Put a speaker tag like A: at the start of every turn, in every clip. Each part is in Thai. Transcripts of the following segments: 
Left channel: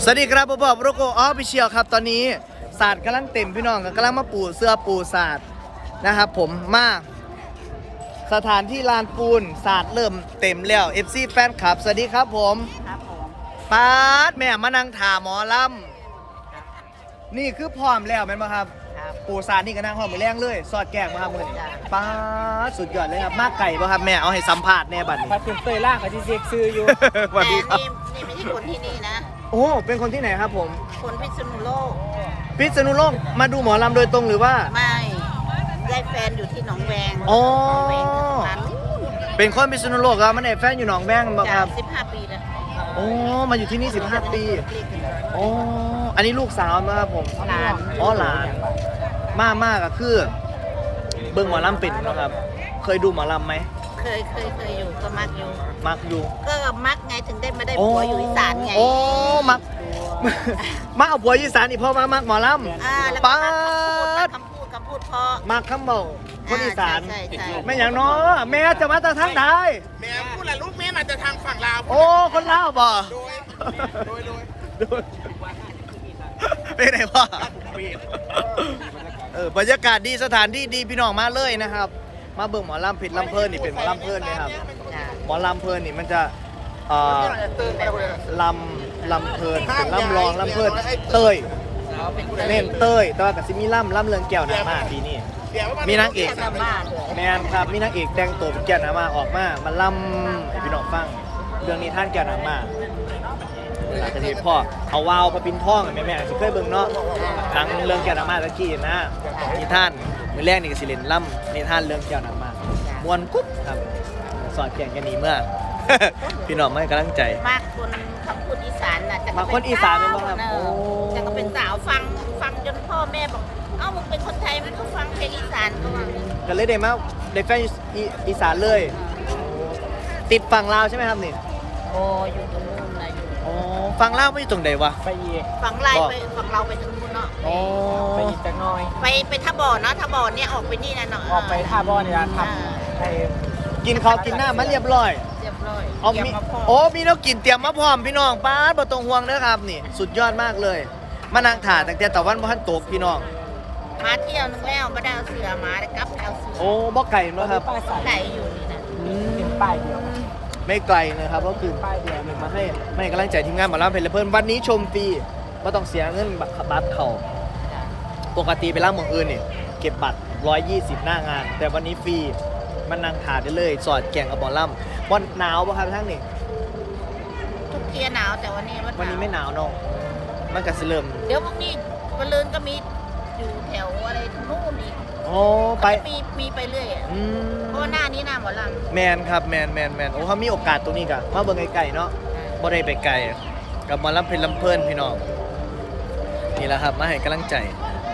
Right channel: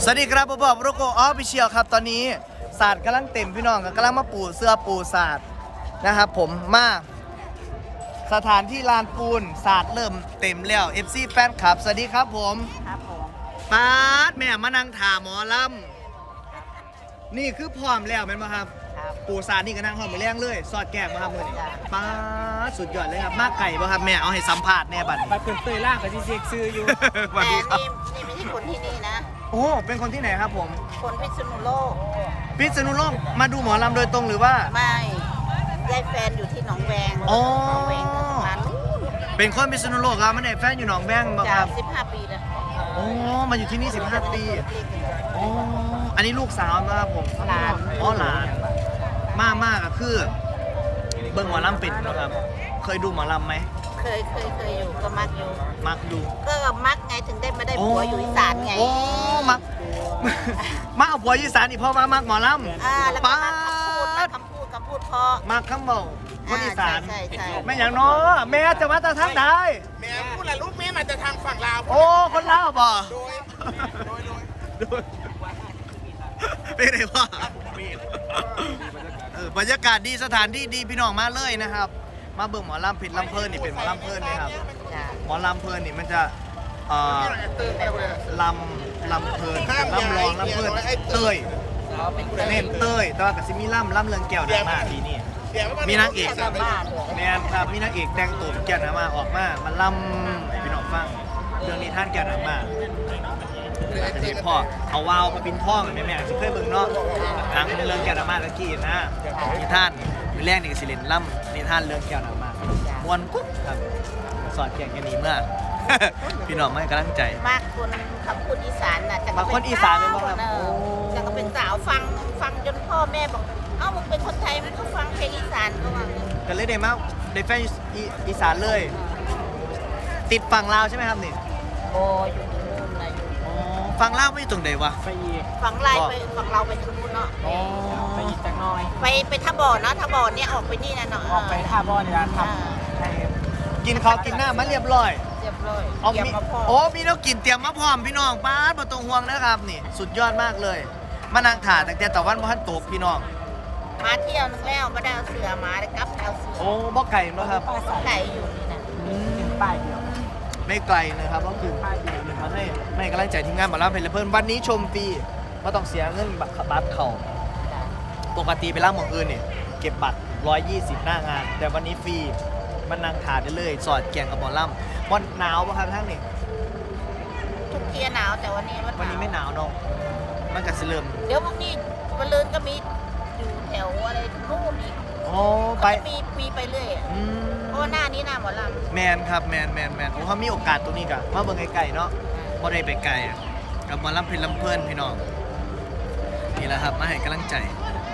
A: สวัสดีครับผมบอกโรโกออฟฟิเชียลครับตอนนี้ศาสตร์กำลังเต็มพี่น้องกำลังมาปูเสื้อปูศาสตร์นะครับผมมาสถานที่ลานปูนศาสตร์เริ่มเต็มแล้ว FC แฟนคลับสวัสดีครับผมปาดแม่มานั่งถามหมอลำนี่คือพร้อมแล้วแม่นบ่ครับปูศาสตร์นี่ก็นั่งพร้อมมือแรงเลยสอดแกงมาครับมือปาดสุดยอดเลยครับมากไก่บ่ครับแม่เอาให้สัมภาษณ์แน่บัดนี้
B: มาเป็นเตยล่างกับที่เซ็กซื้ออยู่
A: สวัสดีครับ
C: นี่ไม่ใช่คนที่นี่นะ
A: โอ้เป็นคนที่ไหนครับผม
C: คนพิษณุโลก
A: พิษณุโลกมาดูหมอลำโดยตรงหรือว่า
C: ไม่ได้แฟนอยู่ที่หนองแวง
A: อ๋อ
C: หนองแวงทหาร
A: เป็นคนพิษณุโลกครับมันแฟนอยู่หนองแวงบ่ครับ
C: 15 ปีเลย
A: โอ้มาอยู่ที่นี่15 ปีโอ้อันนี้ลูกสาวนะครับผมอ๋อหลานมากอะคือเบิ่งหมอลำเป็นเนาะครับ เคยดูหมอลำไหม
C: เคยอยู่ก็มักอยู่
A: มักดู
C: ก็มักไงถึงได้มาได้
A: โอ้
C: ผัวอยู่อีสานไง
A: โอ้มัก มาเอาผัวอีสานอีกเพราะมามักหมอล
C: แล้ว
A: ำ
C: ก็
A: ป้าด
C: คำพูดเพราะ
A: มักคำบอกคนอีสาน
C: ใช่
A: ไม่อย่างน้อแม่จะมาจากทางใด
D: แม่พูดแหละลูกแม่มาจะทางฝั่งลาว
A: โอ้คนลาวบ่
D: โดย
A: เป็นไงพ่อบรรยากาศดีสถานที่ดีพี่น้องมาเลยนะครับ มาเบิ่งหมอลำผิดลำเพลินนี่เป็นหมอลำเพลินเลยครับหมอลำเพลินนี่มันจะลำเพลินเป็นลำรองลำเพลินเต้ยเน้นเต้ยแต่ว่ากับซิมีลำเรืองแก้วหนามาปีนี้มีนางเอก
C: ๆบ้านเลย
A: แมนครับมีนางเอกแต่งตัวเป็นแก้วหนามาออกมาลำให้พี่น้องฟังเรื่องนี้ท่านแก้วหนามานี่แหละทีพ่อเอาวาวพระปินท่องแม่สิเคยเบิ่งเนาะหนังเรื่องแก้วหนามาตะกี้นะนิทานมือแรกนี่ก็สิเล่นล่ำนิทานเรื่องแก้วหนามามวนกุ๊บครับสอดแก่งกันหนีเมื่อ พี่น้องไม่กำลังใจ
C: มากคนคำพูดอีสานน่ะ
A: มาคนอีสานเป็นบ่ครับ
C: เอ
A: โอ้
C: แต่ก็เป็นสาวฟังจนพ่อแม่บอกเอ้ามึงเป็นคนไทยมึงต้องฟังเพลงอีสานก่อน
A: ก็เลยได้มาได้แฟนอีสานเลย ติดฝั่งลาวใช่ไหมครับนี่
C: โอ้อยู่ตรงนู้นมาอยู่
A: อ๋อฝั่งลาวไม่อยู่ตรงไหนวะ
B: ไปอีก
C: ฝั่งไล่ไปฝั่งเราไปทางนู้นเนาะ
A: อ๋อ
B: ไปอีกจักหน้อย
C: ไปท่าบ่อนะท่าบ่อเนี่ยออกไปนี่นะเนาะ
B: ออกไปท่าบ่อนี่นะทำให้
A: กินข้าวกินหน้ามาเรียบร้อย
C: เรียบร้อย
A: เอามี
C: เตรียมาพ
A: โอ้มีน้องกินเตรียมมาพร้อมพี่น้องป้าดบ่ต้องห่วงนะครับนี่ สุดยอดมากเลย มานั่งถ่าตั้งแต่ตะวันบ่ทันตกพี่น้อง
C: มาเที่ยวนึงแล้วมาได้เอาเสือมาได้กลับเอาเสือ
A: โอ้บ่ไก่เนาะครับ
B: ป้ายใส่
C: ไก่อยู่นี่นะ
A: อื
B: เป็น
A: ม
B: ป้ายเดียวนะ
A: ไม่ไกลนะครับก็คือ
B: ป้ายเดียวเลย
A: มาให้กำลังใจทีมงานหมอลำเพลินเพิ่นวันนี้ชมฟรีไม่ต้องเสียเงินบัตรเขาปกติไปร้านหมองอื่นเนี่ยเก็บบัตร120หน้างาน แต่วันนี้ฟรีมันนั่งถ่ายได้เลยสอดแก่งกับหมอลำวันหนาวป่ะครับทั้งนี่
C: ทุกเที่ยหนาวแต่วันนี้
A: วันนี้ไม่หนาวเนาะมันก็สิเริ่ม
C: เดี๋ยวพรุ่งนี้วันลืนก็มีอยู่แถวอะไรทางนู้นอีก
A: โอ้ไป
C: มีไปเรื่อย
A: อืม
C: เพราะว่าหน้านี้หน้าหมอลำ
A: แมนครับแมนโอ้เขามีโอกาสตรงนี้กะมาเบิ่งไกลๆเนาะบ่ได้ไปไกลกับหมอลำเพลินลำเพลินพี่น้องนี่แหละครับมาให้กำลังใจ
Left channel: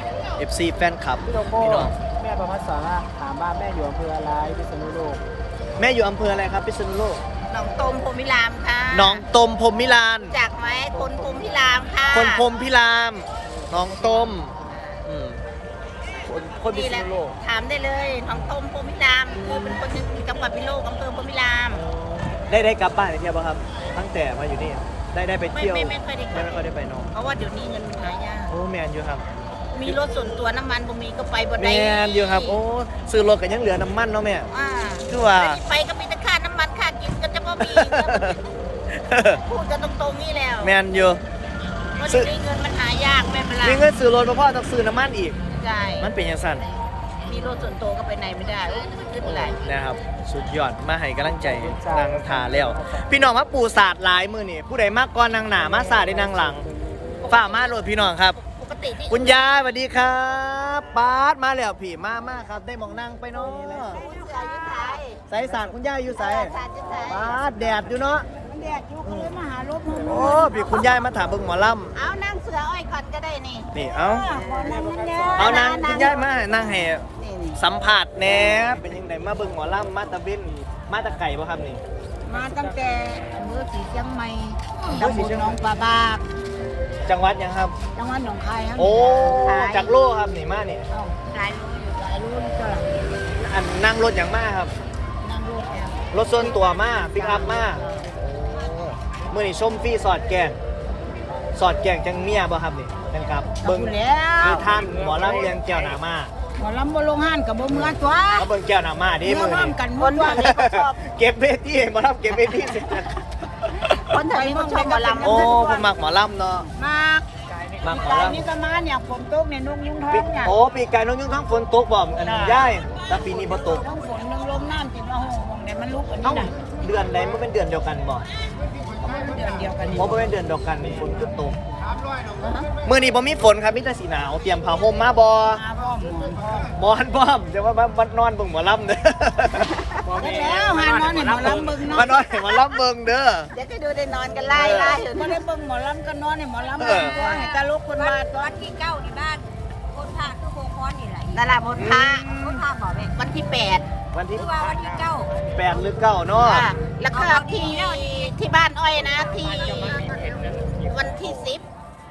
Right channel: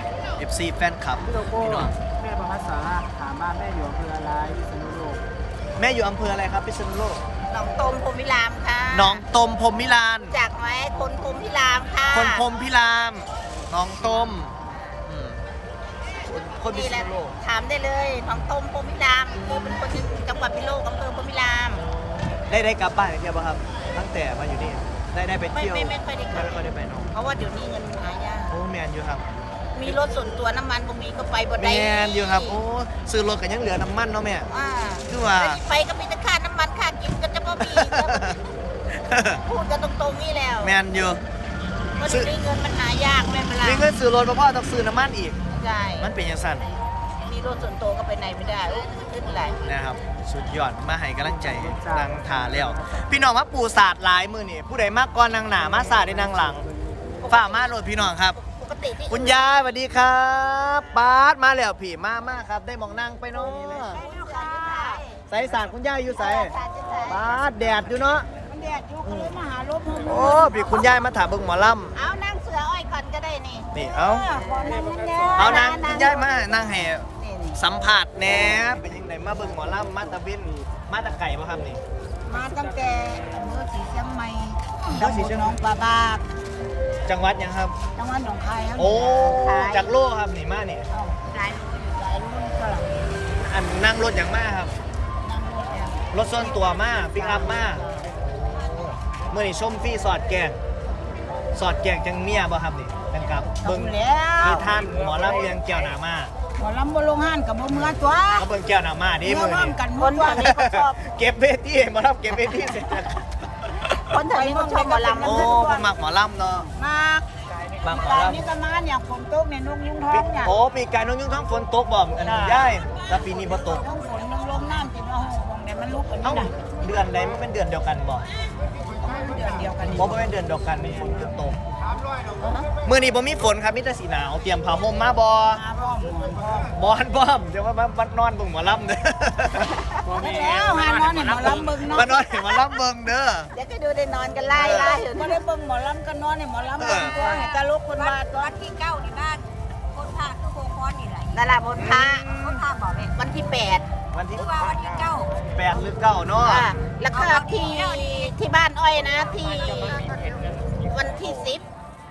A: FC แฟนคลับ
B: พี่โลโก้
A: พี่น้อง
B: แม่ประพัฒสาระถามว่าแม่อยู่อำเภออะไรพิษณุโลก
A: แม่อยู่อำเภออะไรครับพิษณุโลก
C: หนองตมพรหมวิรามค่ะ
A: หนองตมพรหมมิลาน
C: จากไหมคนพรหมพิรามค่ะ
A: คนพรหมพิรามหนองตมอืมคนพิษณุโลก
C: ถามได้เลยหนองตมพรหมพิรามคือเป็นคนที่จังหวัดพิโลกอำเภอพรหมพิราม
A: ได้กลับบ้านไปเที่ยวป่ะครับ ตั้งแต่มาอยู่นี่ได้ไปเที่ยว
C: ไม่ค่อยได้
A: ไม่ค่อยได้ไปเน้อง
C: เพราะว่าเดี๋ยวนี้เงินหายาก
A: โอ้แมนอยู่ครับ
C: มีรถส่วนตัวน้ำมันบ่มีก็ไปบ่
A: แม
C: ได้
A: นอยู่ครับโอ้ซื้อรถกันยังเหลือน้ำมันเนาะแม่
C: อ่า
A: คือว่า
C: ไปก็มีแต่ค่าน้ำมันค่ากินก็จะบ่มีพูดกันตรงๆนี่แล้ว
A: แมนอยู่
C: เพราะเดี๋ยวนี้เงินมันหายากแม่พลั
A: มีเงินซื้อรถเพราะพ่อต้องซื้อน้ำมันอีก
C: ใช่
A: มันเป็นยังสั่น
C: มีรถส่วนตัวก็ไปไหนไม่ได้ขึ้นไหล
A: นะครับ สุดยอดมาให้กำลังใจนางทาแล้ว พี่น้องมาปูศาสตร์หลายมือนี่ผู้ใดมากก่อนนางหนามาศาสตร์ได้นางหลังฝ่ามาโหลดพี่น้องครับ
C: ปกติที่
A: คุณยายสวัสดีครับปาดมาแล้วผีมาครับ ได้มองนั่งไปเนาะใส่สารคุณยายอยู่ใส่ปาดแดดอยู่เนาะ
C: เรียกยุคนี้มาหารถ
A: โอ้พี่คุณยายมาถามเบิ่งหมอล
C: เอานั่งเสืออ้อยก่อนก็ได้นี่
A: ำนี่เอานางคุณยายมานั่งให้สัมผัสแหน่เป็นยังไงมาเบิ่งหมอลำมาตะเวนมาตะไก่ป่ะครับนี่
C: มาตั้งแต่อำเภอศรีเชียงใหม่ตำบลหนองปลาบาก
A: จังหวัดยังครับ
C: จังหวัดหนองคายครับ
A: โอ้จากโลกครับนี่มาเนี่ย
C: หลายโลอยู่หลายโลนี่ก็
A: อันนั่งรถอย่างมากครับ
C: นั่งรถแอม
A: รถส่วนตัวมากปิกอัพมากมือนี่ชมฟรีสอดแกงสอดแจงจังเมียบ่ครับนี่นะครับเบิ่ง
B: แล้ว
A: มีท่านหมอลำเลียงแก้วหนามา
B: หมอลำบ่ลงห้านกับบ่เมื่อตัว
A: เขาเบิ่งแก้วหนามาดิ
B: เมื่อ
A: มือ
B: ร่วม
A: นี่
B: กันหมดว่านี่ก็ชอบ
A: เก็บเวทีหมอลำเก็บเวที
C: คนแถวนี้เขาชอบหมอลำ
A: โอ้เป็นมักหมอลำเนาะ
B: มาก
A: มักหมอ
B: ตาย
A: ลำ
B: นี่ก็มาเนี่ยฝนตกเนี่ยนกยุงท้องเนี่ย
A: โอ้ปีกายน้องยุ่งทั้งฝนตกบ่อันนี้ย่ายแต่ปีนี้บ่ตก
B: ทั้งฝนทั้งลมน้ำติดมาห้องเนี่ยมันลุกอัน
A: เอ้า
B: นี้นะ
A: เดือนใดมันเป็นเดือนเดียวกันบ่
B: มันเดือนเดียวกัน
A: เพราะว่าเป็นเดือนเดียวกันฝนตกมื้อนี้บ่มีฝนครับมีแต่สีหนาวเตรียมผ้าห่มมาบ่
B: มาพ่อหมอนพ่อ
A: หมอนพร้อมเดี๋ยวว่าบัดนอนเบิ่งหมอลำเด้อ
B: ได้แล้วหานอนเนี่ยหมอลำเบิ่งเนาะ
A: มานอนให้หมอลำเบิ่งเด้อ
C: เดี๋ยวจะดูได้นอนกันไล่
B: ไม่ได้เบิ่งหมอลำก็นอนเนี่ยหมอลำเบิ่งตัวให้ตาลุกคนว่าตัว
E: วันที่9ที่บ้าน คนพาคือโบคอนนี่แหละ
C: ดาราบนท้า
E: คนพาบอกแม่
C: วันที่
A: วันที่
E: คือว่าวันที่9
A: 8หรือ9เนาะ
C: 8แล้วก็ที่บ้านอ้อยนะที่วันที่10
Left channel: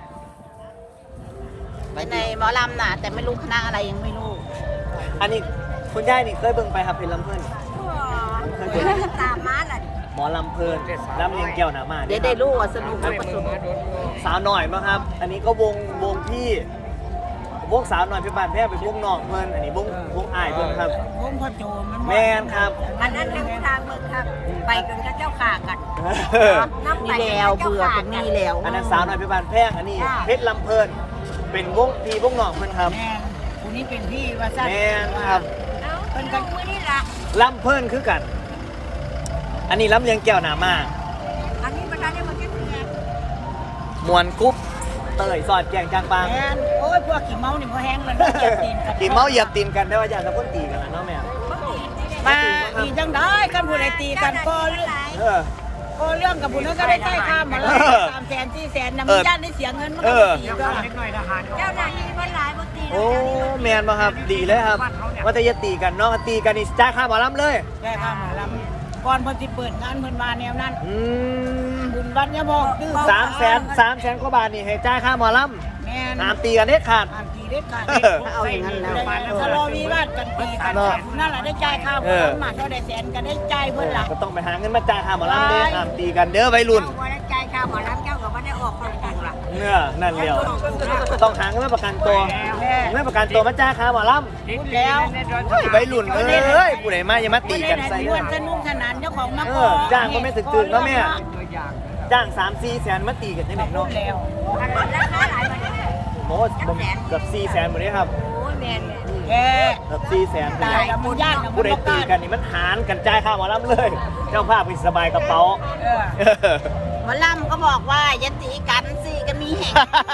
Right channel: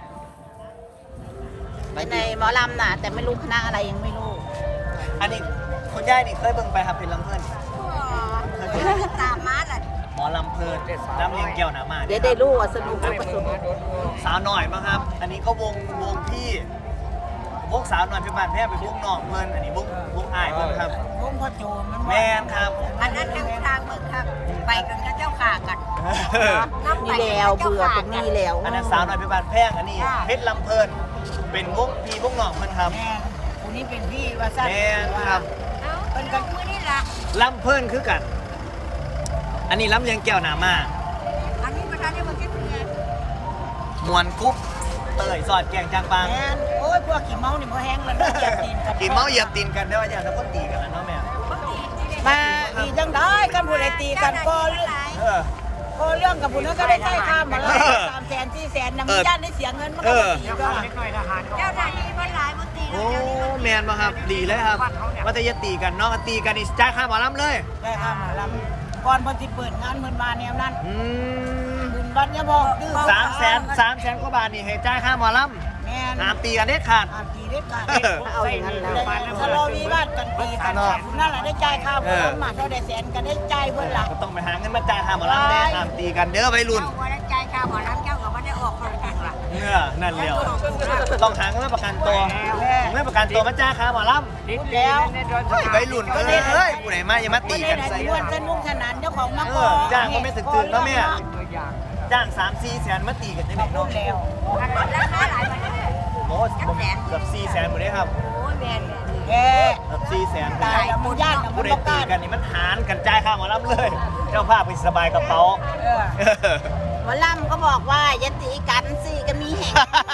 C: ในหมอลำน่ะแต่ไม่รู้คณะอะไรยังไม่รู้
A: อันนี้คุณยายนี่เคยเบิ่งไปครับเป็นลำเพิ่น
E: ตามมาล่ะ
A: หมอลำเพิ่นลำเลียงแก้วหนามา
C: เดี๋
A: เนี่ย ยว ครับ
C: ได้รู้ว่าสนุกไหม
A: สาวหน่อยมั้งครับ อันนี้ก็วงพี่วงสาวหน่อยเป็นบ้านแพ้ไปวงน้องเพิ่นอันนี้วงอ้ายเพิ่นครับ
B: วงพ่อโจมัน
A: แม่นครับ
E: อันนั้นทางเมืองครับ ไปกันกับเจ้าขากันน้ำไป
C: มี
E: กัน
C: แล้ว
E: กับเจ้า
C: เบื่อ
E: ขา
C: เป็น
E: กั
C: นี่
E: น
C: แล้ว
A: อันนั้นสาวหน่อยเป็นบ้านแพงอันนี้เพชรลำเพิ่นเป็นวงพี่วงน้องเพิ่นครับ
B: แม่คนนี้เป็นพี่ว่าสั้น
A: แม่นครับ
E: เอ้าเป็นกันมือนี่ล่ะ
A: ลำเพิ่นคือกัน อันนี้ลำเลียงแก้วหนามา
E: อันนี้ประธานได้มาแค่เพียง
A: มวนกรุ๊บเตยสอดแกงจางปาง
B: แม่นโอ้ยพวกขี้เมานี่พอแห้งแล้วเนาะเหยียบตีนกัน
A: กินเมาเหยียบตีนกันได้ว่าอยากกับคนตีกันนะเนาะแม่
E: บางที
B: มาตีจังได้กันผู้ใดตีกันพอเรื่อง
A: เออ
B: พอเรื่องกับผู้นั้นก็ได้ใช้ข้ามมาแล้ว300,000 400,000นำญาติได้เสียเงินมันก็ตีก็
E: เจ้าหน้าที่มันหลายบางที
A: โอ้
E: เจ้านี่มัน
A: แมนมาครับดีเลยครับ ว่าแต่อย่าตีกันเนาะตีกันนี่จ้าค่าหมอลำเลย
B: ได้ข้ามมาลำก่อนเพิ่นสิเปิดงานเพิ่นมาแนวนั้น
A: อืม
B: บุญวัดเนี่ยบอกดื้อ
A: 300,000กว่าบาทนี่ให้จ่ายค่าหมอล
B: แม่น
A: ำห้ามตีกันเด็ดขาด
B: อ่านตีได้กันเอาอย่างนั้นเลยถ้าเราวิวาทกันตีกันนั่นแหละได้จ่ายค่าบ่มาเท่าได้แสนก็ได้จ่ายเพิ่นล่ะ
A: ก็ต้องไปหาเงินมาจ่ายค่าหมอลำเด้ห้ามตีกันเด้อวัยรุ่น
E: เจ้าว่าได้ใจข้าวหมอน้ำเจ้ากับว่าได้ออกความจริงล่ะ
A: เนื้อนั่นเดียวต้องหาเงินมาประกันตัวเงินประกันตัวมาจ่ายค่าหมอลำ
B: พูดแล้ว
A: เฮ้ยวัยรุ่นเอ้ยผู้ใดมาอย่ามาตีกันใส่
B: เด้
A: เด้
B: อ
A: อ
B: สนุกสนานเจ้าของมา
A: จ้างก็ไม่ถึงๆเนาะแม่จ้าง3-4 แสนมาตีกันได้ไหม
B: พู
A: เนาะ
B: ดแล้ว
E: อันนั้นราคาหลายวันนี้
A: โอ้เกือบ4 แสนหมดเลยครับ
E: โอ้ยแม่น
B: แก
A: เกือบ4 แสน
B: ตายแล้วมึงญาติ
A: ผู้ใดตีกันนี่มันหารกันจ่ายค่าหมอลำเลย เจ้าภาพไปสบายกระเป๋า
C: หมอลำก็บอกว่าอย่าตีกันสิกันมีแหง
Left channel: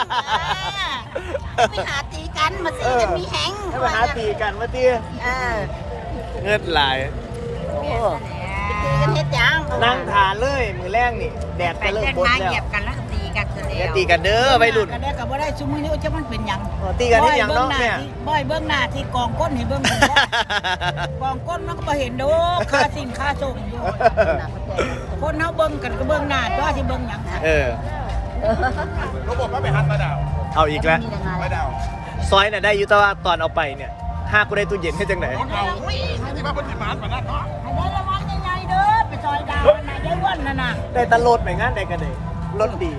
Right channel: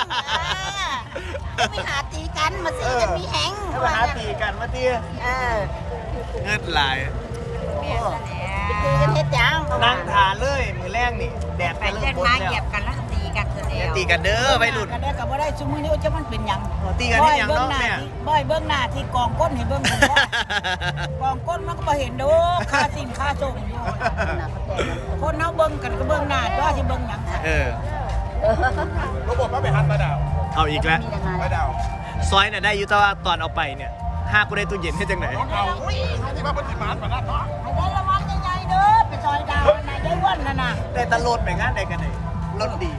C: ไปหาตีกันมาสิกันมีแหง
A: ให้ไปหาตีกันมาตี
C: เออ
A: เงินหลาย
C: ตีกันเฮ็ดจัง
A: นั่งทานเลยมือแรกนี่ แดดจะเริ่มบดแล้ว
E: เหยียบกันแล้วตีกันเสร็จ
A: อย่า
E: แล้ว
A: ตีกันเด้อวัยรุ่น
B: อันนี้ก็บ่ได้ซุมื้อนี้จะมันเป็นหยัง
A: ตีกันได้ยังเนาะแม่
B: บ่อยเบื้องหน้าที่กองก้นให้เบื้องผมว่ากองก้นมันก็บ่เห็นดอกค่าสิ่งค่าส่งอยู่คนเฮาเบิ่งกันก็เบิ่งหน้าจ้าสิเบิ่งหยัง
A: เออ เอาอีกแล้ว ซอยน่ะได้อยุตว่าตอนเอาไปเนี่ยห้ากูได้ตู้เย็นให้จังไหน
B: ให้ได้ระวังยังไงเด้อไปซอยดาวน่ะยายวันน่ะน่ะ
A: ได้ตะโลดไปงานใดกันเลยรถดี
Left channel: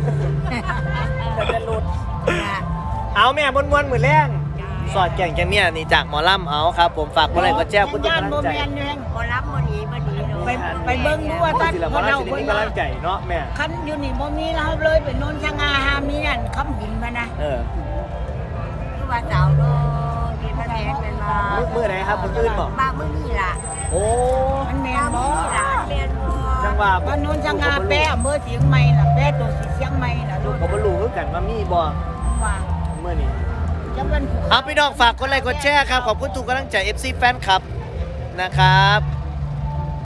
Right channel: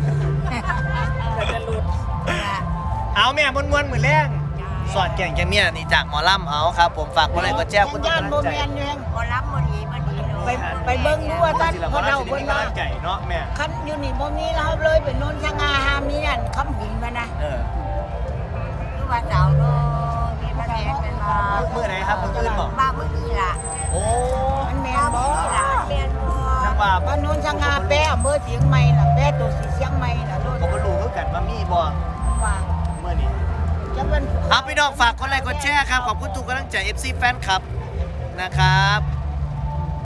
A: เอาแม่บนมวนมือแรงสอดแก่งแกเมียนี่จากหมอลำเอาครับ ผมฝากคนไหนก็แจ้งคุณทุกกำลังใจ
E: พอรับวันนี้วันนี้เนาะ
B: ไปเบิ่งดูว่าท่าน
A: ศิลปะราชสิมีกำลังใจเนาะแม่
B: คันอยู่นี่บ่มีแล้วเลยเป็นโนนชะงาหามีอันคำหุ่นมานะ
A: เออ
E: คือว่าสาวโตมีพระแดงเป็นมา
A: มือไหนครับมืออื่นบอก
E: บ้ามือนี่ล่ะ
A: โอ้
B: มันแม่
E: บ้าน
B: บ่
E: มือนี่ล่ะเรียนบ่
A: จังว่า
B: บ้านโนนชะงาแป้อำเภอเชียงใหม่น่ะแป้ตัวสีเชียงใหม่น่ะ
A: ลูกก็บ่รู้คือกันว่ามีบ่
B: ว่า
A: เมื่อนี้
B: จะเป็น
A: เอาพี่น้องฝากกดไลค์กดแชร์ครับขอบคุณทุกกำลังใจ FC แฟนคลับนะครับ